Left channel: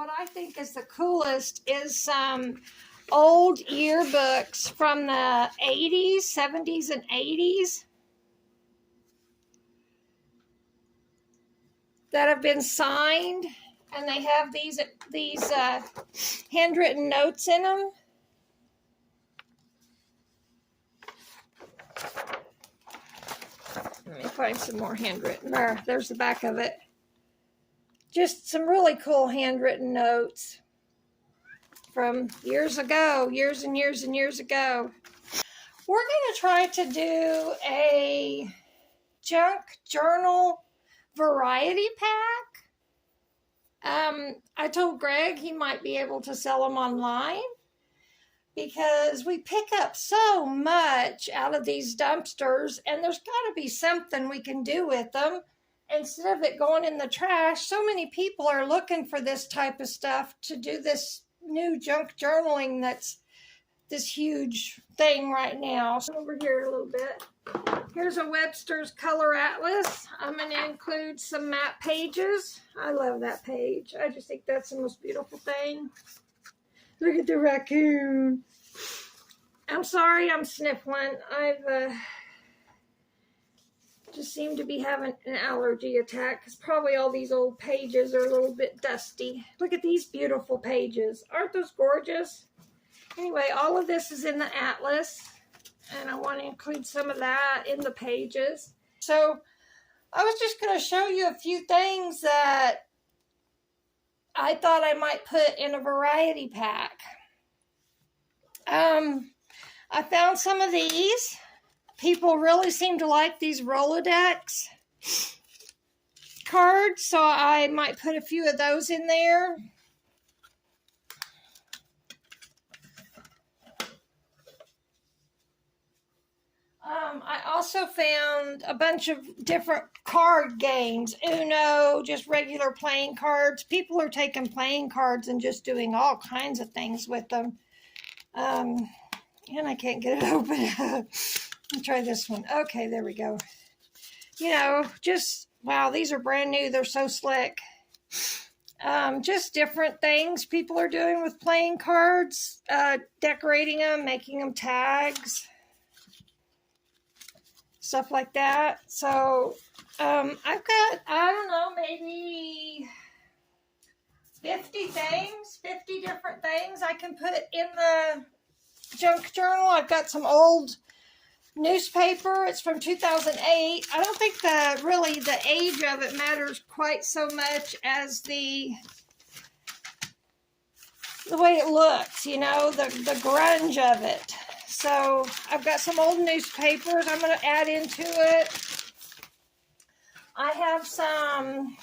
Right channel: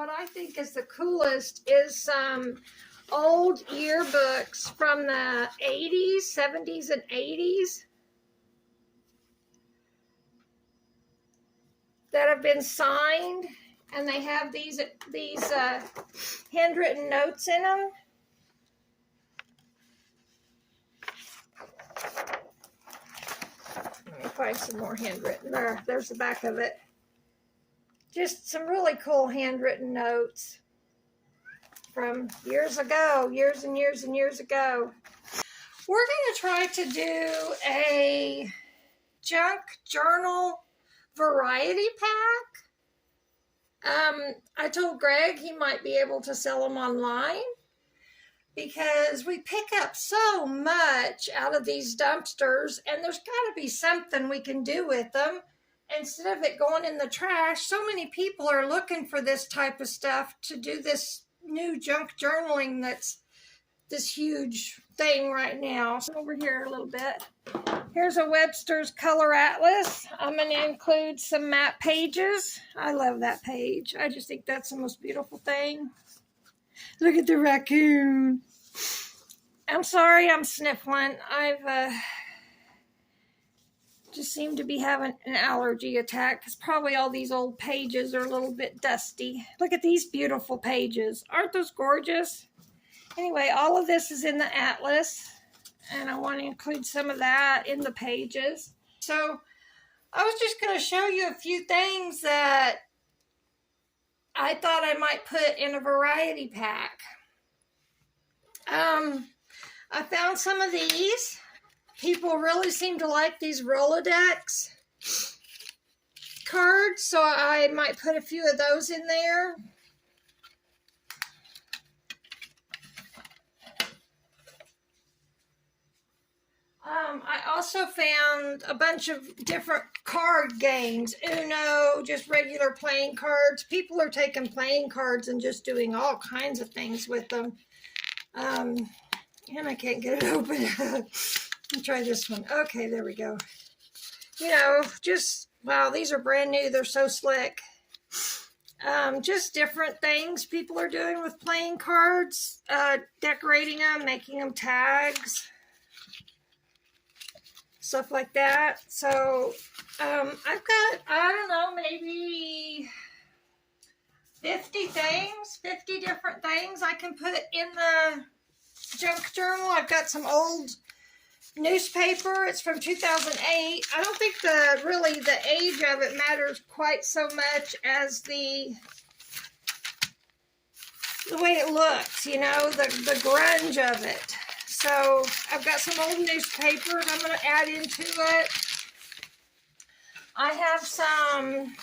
what I think is the coolest is some old yearbooks from the 80s, 70s, and 80s that have been signed, and they have these handwritten notes in them. Let me find some more handwritten. There's the back of it. Just some really cool handwritten notes from years ago, years and years and years ago. We're going to try to do a junk journal variety pack. I told Greg he might be able to sell them online because we pick up so much out of these dumpsters, and there's got to be something we can do with them instead of it going in the trash. So many people are looking for this type of stuff to do this new junk journaling that's this huge thing right now. So over here a little bit. Here's a Webster's Color Atlas. I'm going to include some map pages. I love that page. I just think that's the most beautiful thing. Look at the raccoon. I'm sorry I'm sniffling. I've just seem to be having an allergy attack because probably all these old pages are a little bit dusty. Look at these beautiful pages. Aren't those gorgeous? Anyway, all of this is in the atlas, and I want to include some of that in the pages. So I was just going to show you a few things that I thought I might put in a variety pack. I found some of these. People really seem to like these Rolodex cards, so I might put a few of those in there. I also found a bunch of different card games. Uno, just regular playing cards. People are taking playing cards and just doing all kinds of things with them. And I can't get it open. Let me try this one. Okay, there we go. You know, just, wow, these are brand new. They're so slick. Just different things people are doing with playing cards. Decorating them, making them tags. Stuff like that. So, I've got, I don't know, maybe 50 things, 50 different things I can put in the junk journal. I've got some old newspaper. It's from 2008. I don't think really the age of it matters quite so much as the way it looks, you know, the grunge of it. So I've got some old newspapers I'm going to add into it. I have some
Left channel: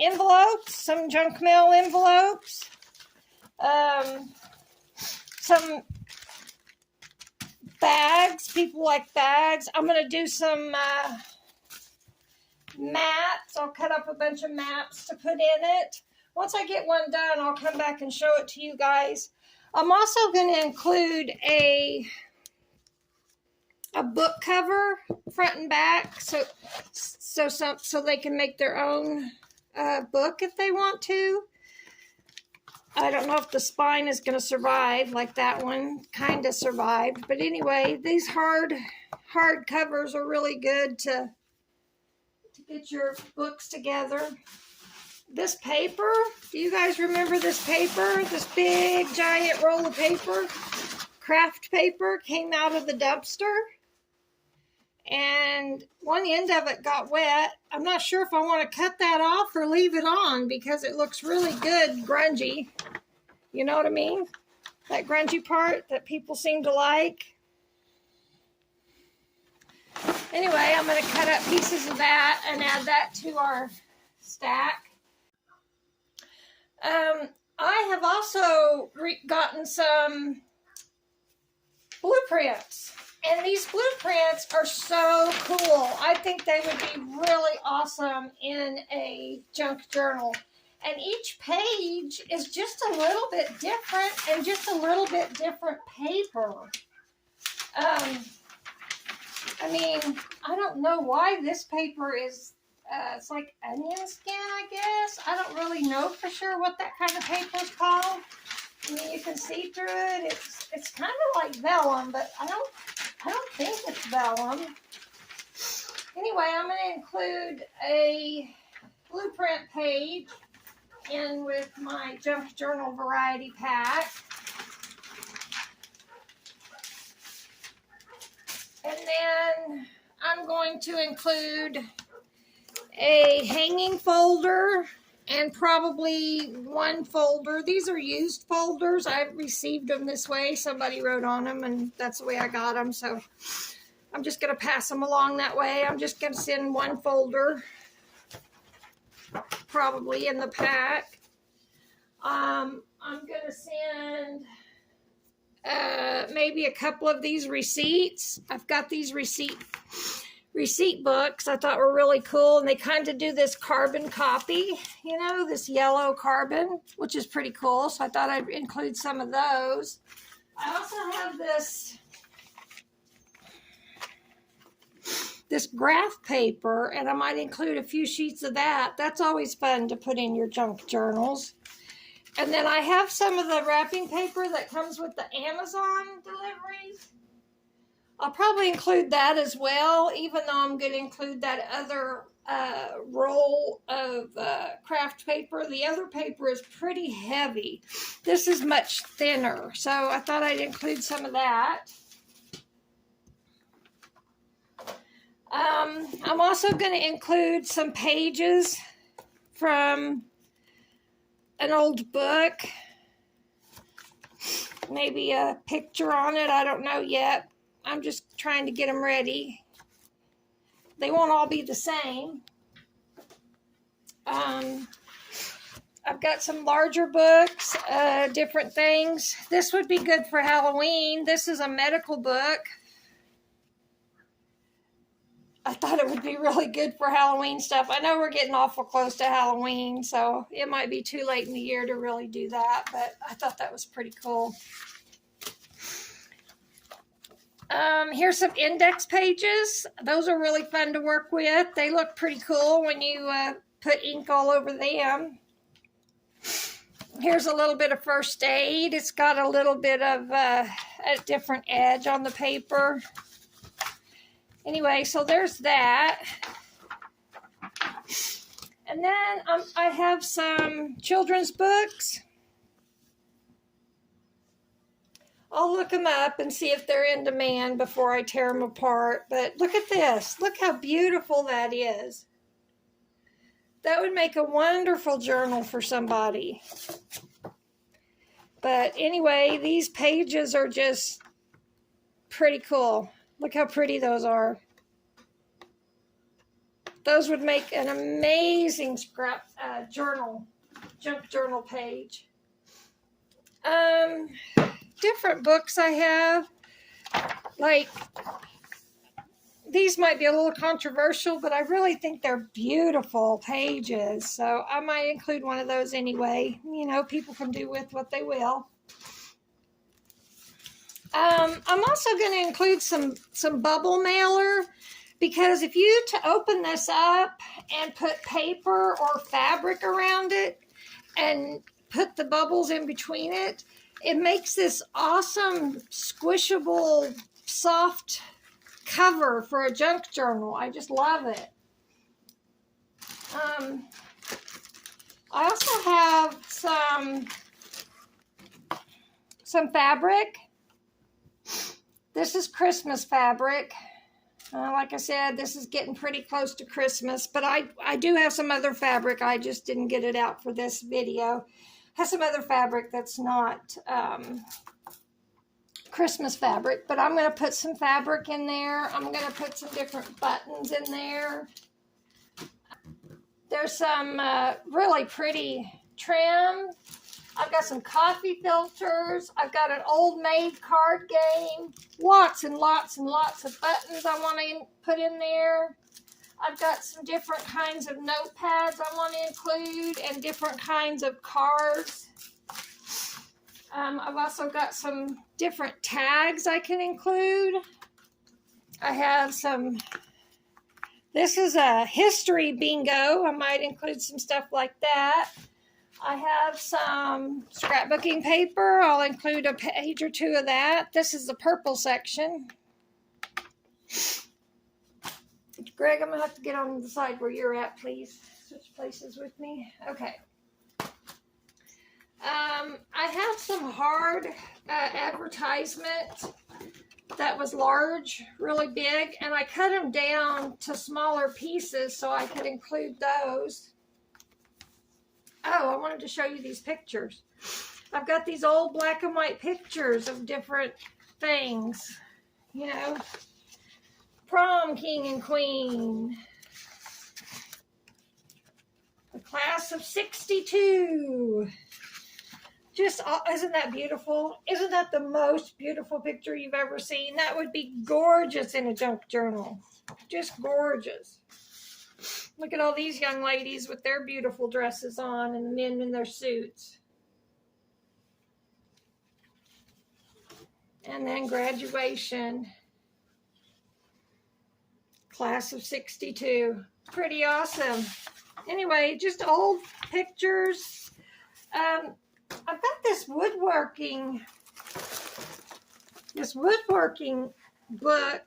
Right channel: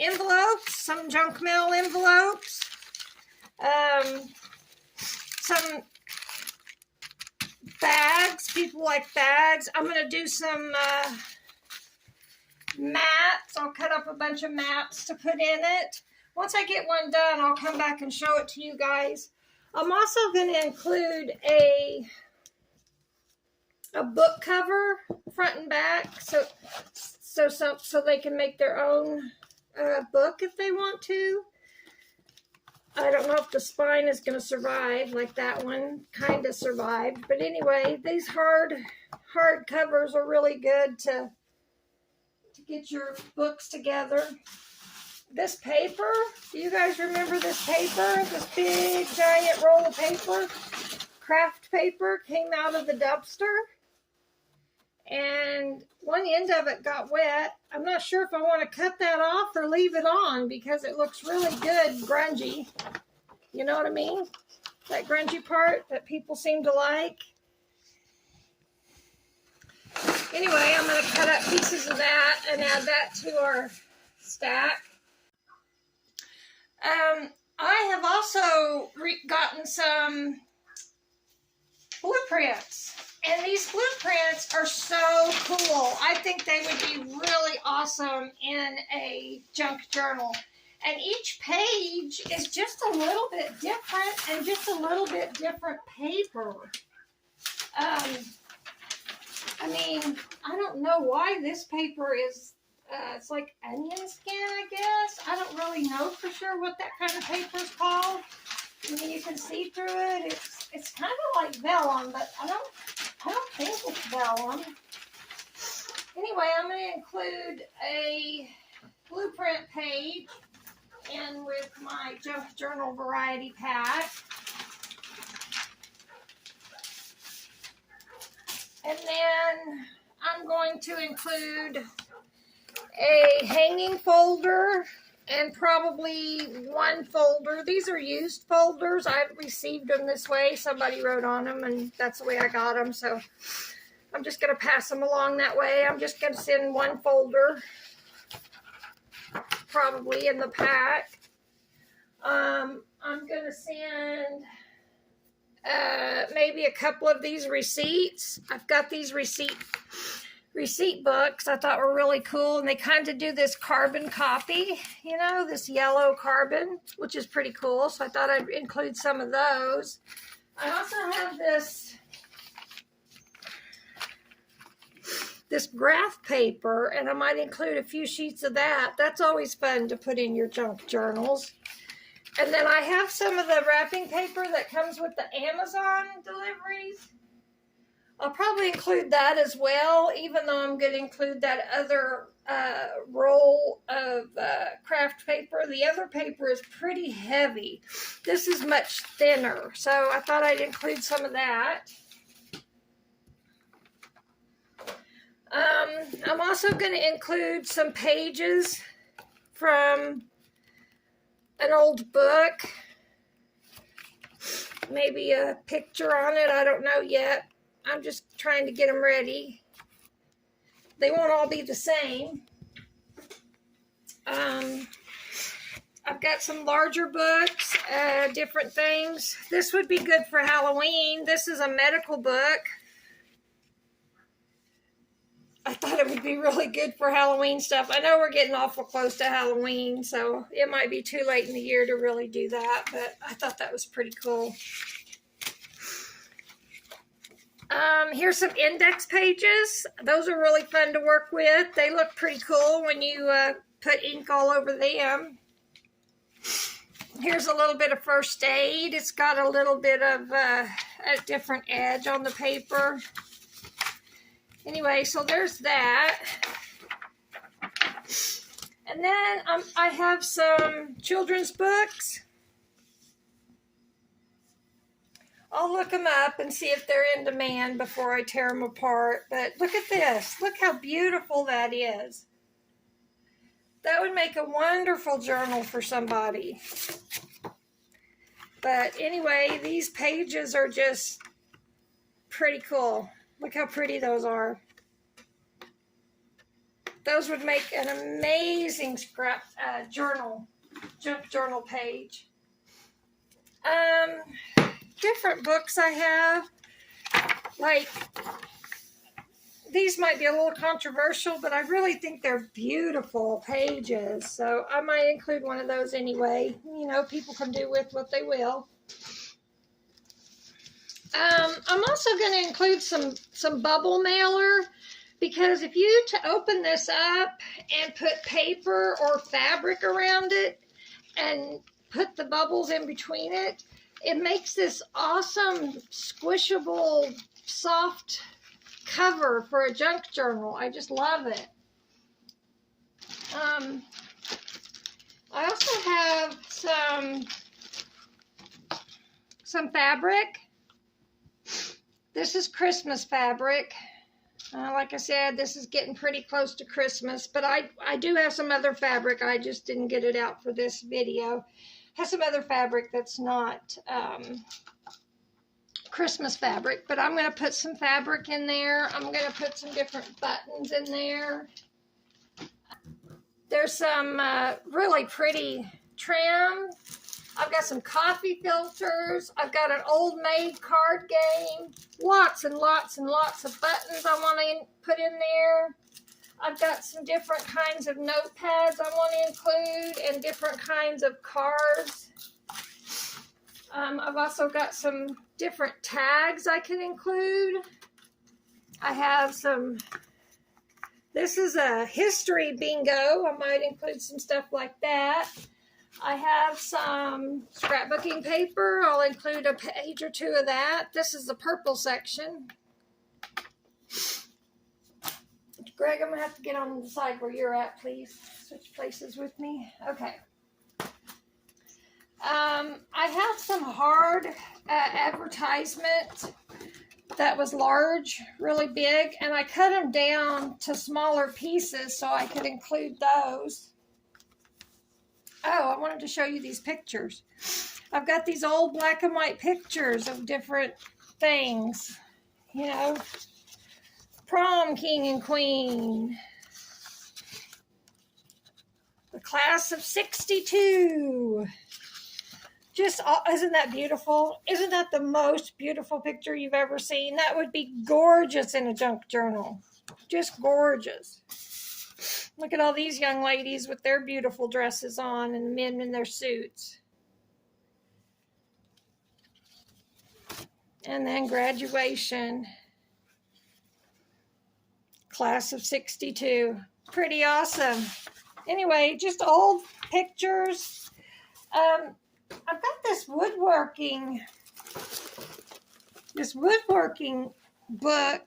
envelopes, some junk mail envelopes, some bags. People like bags. I'm going to do some maps. I'll cut up a bunch of maps to put in it. Once I get one done, I'll come back and show it to you guys. I'm also going to include a book cover, front and back, so they can make their own book if they want to. I don't know if the spine is going to survive like that one kind of survived, but anyway, these hard covers are really good to get your books together. This paper, do you guys remember this paper? This big giant roll of paper, craft paper, came out of the dumpster, and one end of it got wet. I'm not sure if I want to cut that off or leave it on because it looks really good grungy. You know what I mean? That grungy part that people seem to like. Anyway, I'm going to cut up pieces of that and add that to our stack. I have also gotten some blueprints, and these blueprints are so cool. I think they would be really awesome in a junk journal. And each page is just a little bit different and just a little bit different paper. I mean, I don't know why this paper is it's like onion skin, I guess. I don't really know for sure what that kind of paper is called. I mean, you can see through it. It's kind of like vellum, but I don't think it's vellum. Anyway, I'm going to include a blueprint page in with my junk journal variety pack. And then I'm going to include a hanging folder and probably one folder. These are used folders. I received them this way. Somebody wrote on them, and that's the way I got them. So I'm just going to pass them along that way. I'm just going to send one folder, probably in the pack. I'm going to send maybe a couple of these receipts. I've got these receipt books I thought were really cool, and they kind of do this carbon copy, you know, this yellow carbon, which is pretty cool. So I thought I'd include some of those. I also have this graph paper, and I might include a few sheets of that. That's always fun to put in your junk journals. And then I have some of the wrapping paper that comes with the Amazon deliveries. I'll probably include that as well, even though I'm going to include that other roll of craft paper. The other paper is pretty heavy. This is much thinner, so I thought I'd include some of that. I'm also going to include some pages from an old book. Maybe a picture on it. I don't know yet. I'm just trying to get them ready. They won't all be the same. I've got some larger books, different things. This would be good for Halloween. This is a medical book. I thought it would be really good for Halloween stuff. I know we're getting awful close to Halloween, so it might be too late in the year to really do that, but I thought that was pretty cool. Here's some index pages. Those are really fun to work with. They look pretty cool when you put ink all over them. Here's a little bit of first aid. It's got a little bit of a different edge on the paper. Anyway, so there's that. And then I have some children's books. I'll look them up and see if they're in demand before I tear them apart. But look at this. Look how beautiful that is. That would make a wonderful journal for somebody. But anyway, these pages are just pretty cool. Look how pretty those are. Those would make an amazing scrap junk journal page. Different books I have, like these might be a little controversial, but I really think they're beautiful pages, so I might include one of those anyway. You know, people can do with what they will. I'm also going to include some bubble mailer, because if you open this up and put paper or fabric around it and put the bubbles in between it, it makes this awesome, squishable, soft cover for a junk journal. I just love it. I also have some fabric. This is Christmas fabric. Like I said, this is getting pretty close to Christmas, but I do have some other fabric. I just didn't get it out for this video. Has some other fabric that's not Christmas fabric, but I'm going to put some fabric in there. I'm going to put some different buttons in there. There's some really pretty trim. I've got some coffee filters. I've got an old maid card game. Lots and lots and lots of buttons I want to put in there. I've got some different kinds of notepads I want to include and different kinds of cards. I've also got some different tags I can include. I have This is a history bingo. I might include some stuff like that. I have some scrapbooking paper. I'll include a page or two of that. This is the purple section. Greg, I'm going to have to get on the side where you're at, please. Switch places with me. Okay. I have some hard advertisement that was large, really big, and I cut them down to smaller pieces so I could include those. Oh, I wanted to show you these pictures. I've got these old black and white pictures of different things. You know, prom king and queen. The class of 62. Just, isn't that beautiful? Isn't that the most beautiful picture you've ever seen? That would be gorgeous in a junk journal. Just gorgeous. Look at all these young ladies with their beautiful dresses on and the men in their suits. And then graduation. Class of 62. Pretty awesome. Anyway, just old pictures. I've got this woodworking book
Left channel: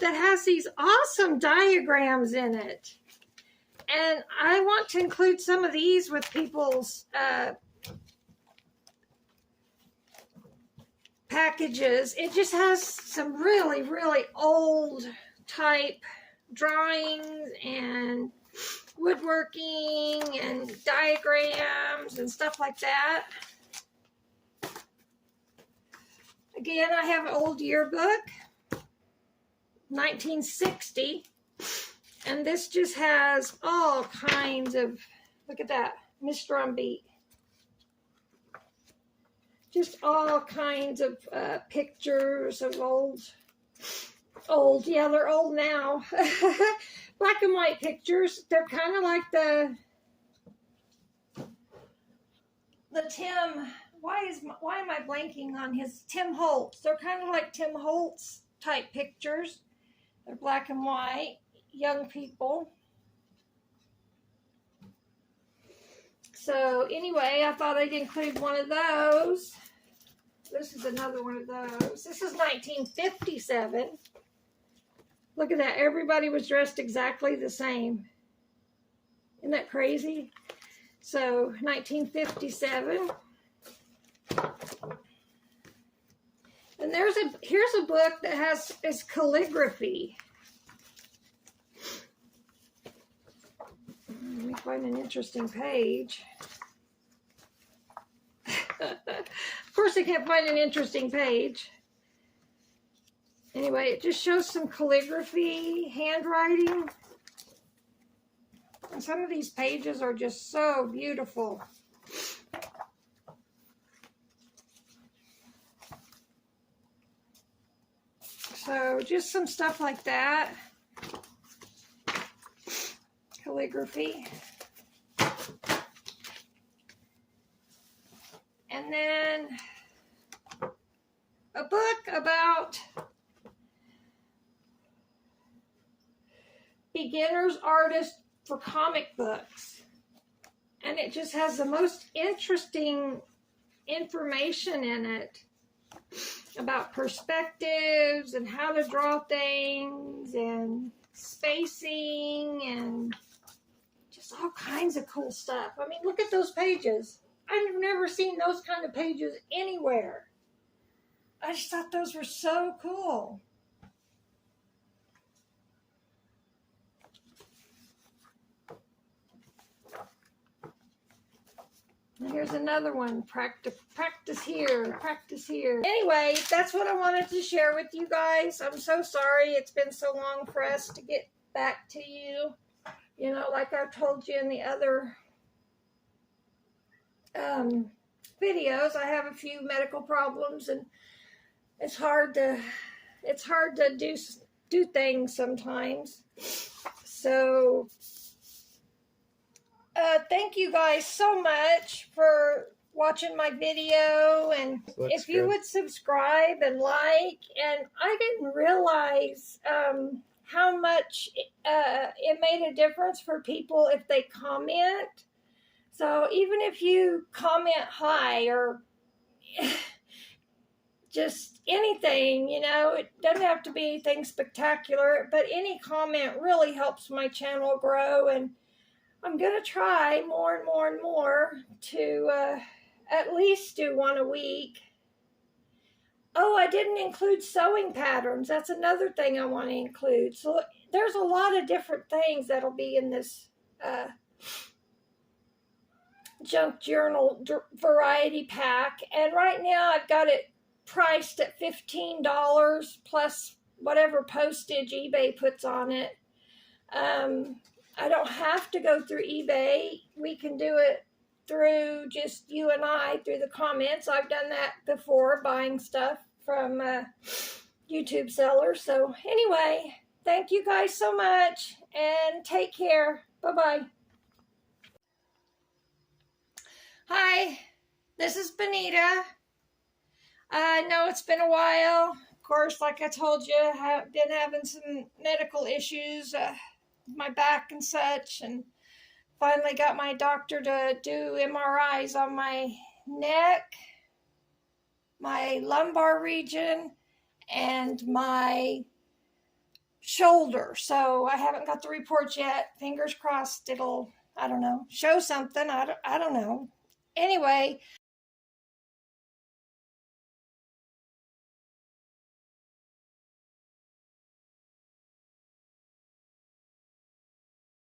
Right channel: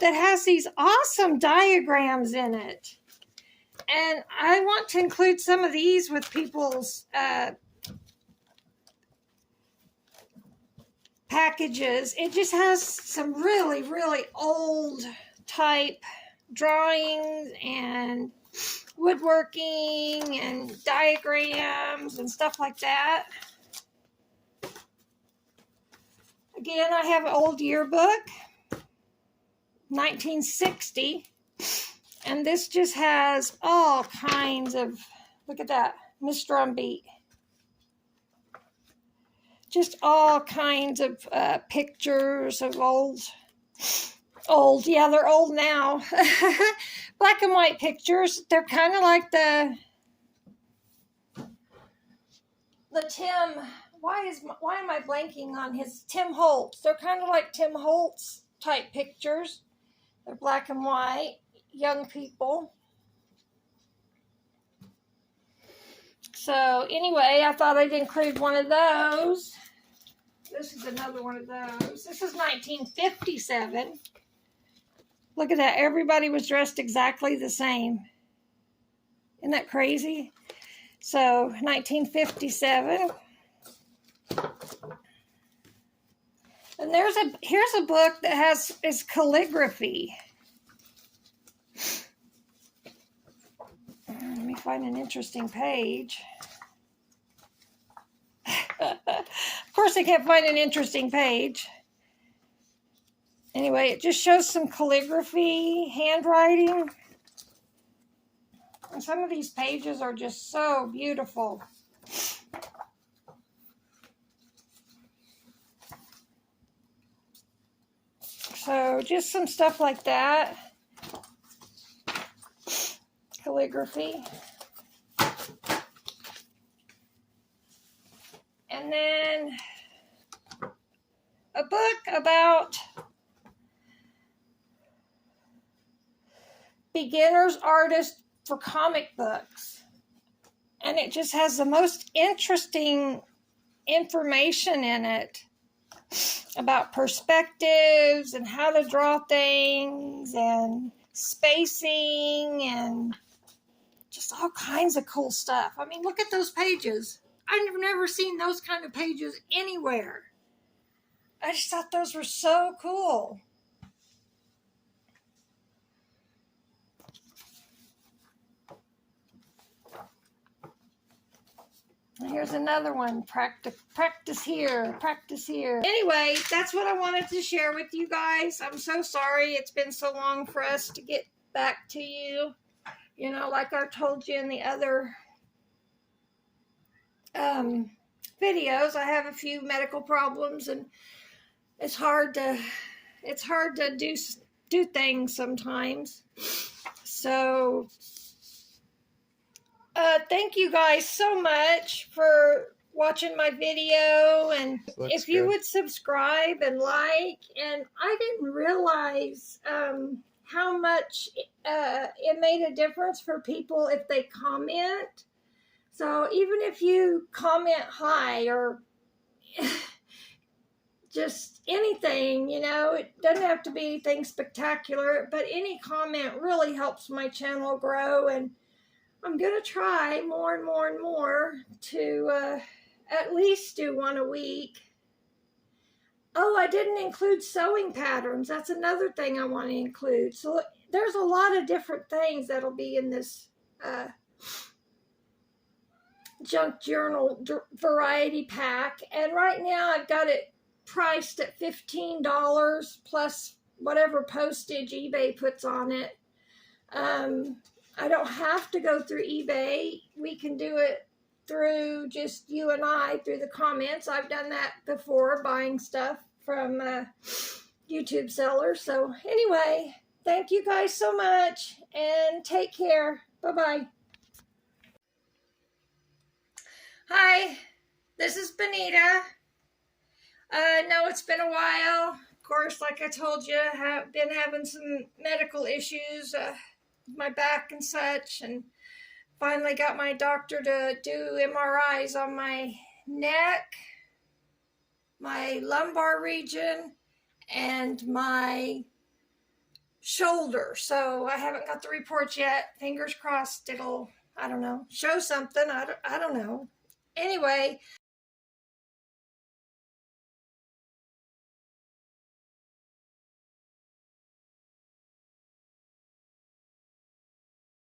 that has these awesome diagrams in it. And I want to include some of these with people's packages. It just has some really, really old type drawings and woodworking and diagrams and stuff like that. Again, I have an old yearbook, 1960. And this just has all kinds of, look at that, Miss Drumbeat. Just all kinds of pictures of old, yeah, they're old now. Black and white pictures. They're kind of like the Tim, why am I blanking on his, Tim Holtz. They're kind of like Tim Holtz type pictures. They're black and white. Young people. So anyway, I thought I'd include one of those. This is another one of those. This is 1957. Look at that. Everybody was dressed exactly the same. Isn't that crazy? So 1957. And here's a book that is calligraphy. Let me find an interesting page. Of course, I can't find an interesting page. Anyway, it just shows some calligraphy, handwriting. And some of these pages are just so beautiful. So just some stuff like that. Calligraphy. And then a book about beginner's artist for comic books. And it just has the most interesting information in it about perspectives and how to draw things and spacing and just all kinds of cool stuff. I mean, look at those pages. I've never seen those kind of pages anywhere. I just thought those were so cool. And here's another one. Practice here, practice here. Anyway, that's what I wanted to share with you guys. I'm so sorry it's been so long for us to get back to you. You know, like I told you in the other videos, I have a few medical problems, and it's hard to do things sometimes. So thank you guys so much for watching my video, and if you would subscribe and like. And I didn't realize how much it made a difference for people if they comment. So even if you comment hi or just anything, you know, it doesn't have to be anything spectacular, but any comment really helps my channel grow. And I'm going to try more and more and more to at least do one a week. Oh, I didn't include sewing patterns. That's another thing I want to include. So there's a lot of different things that'll be in this junk journal variety pack. And right now I've got it priced at $15 plus whatever postage eBay puts on it. I don't have to go through eBay. We can do it through just you and I through the comments. I've done that before, buying stuff from YouTube sellers. So anyway, thank you guys so much and take care. Bye-bye. Hi, this is Benita. No, it's been a while. Of course, like I told you, I've been having some medical issues, my back and such, and finally got my doctor to do MRIs on my neck, my lumbar region, and my shoulder. So I haven't got the reports yet. Fingers crossed it'll, I don't know, show something. I don't know. Anyway,